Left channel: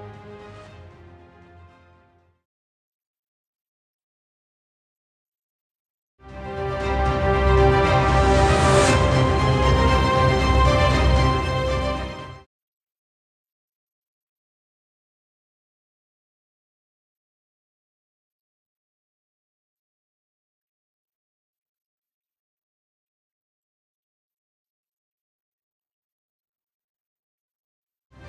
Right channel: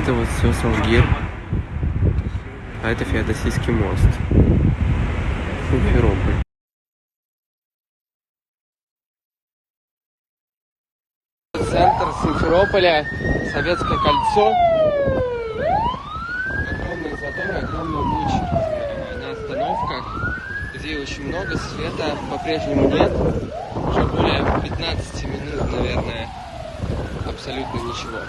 это вот все Салгир. А это Феодосийский мост. Симферополь. Центр Симферополя, Советское кольцо. Огромные заторы, огромный луч на остановках, где очень много света по-прежнему нет. Уже более 15 минут, наверное, абсолютно ничего.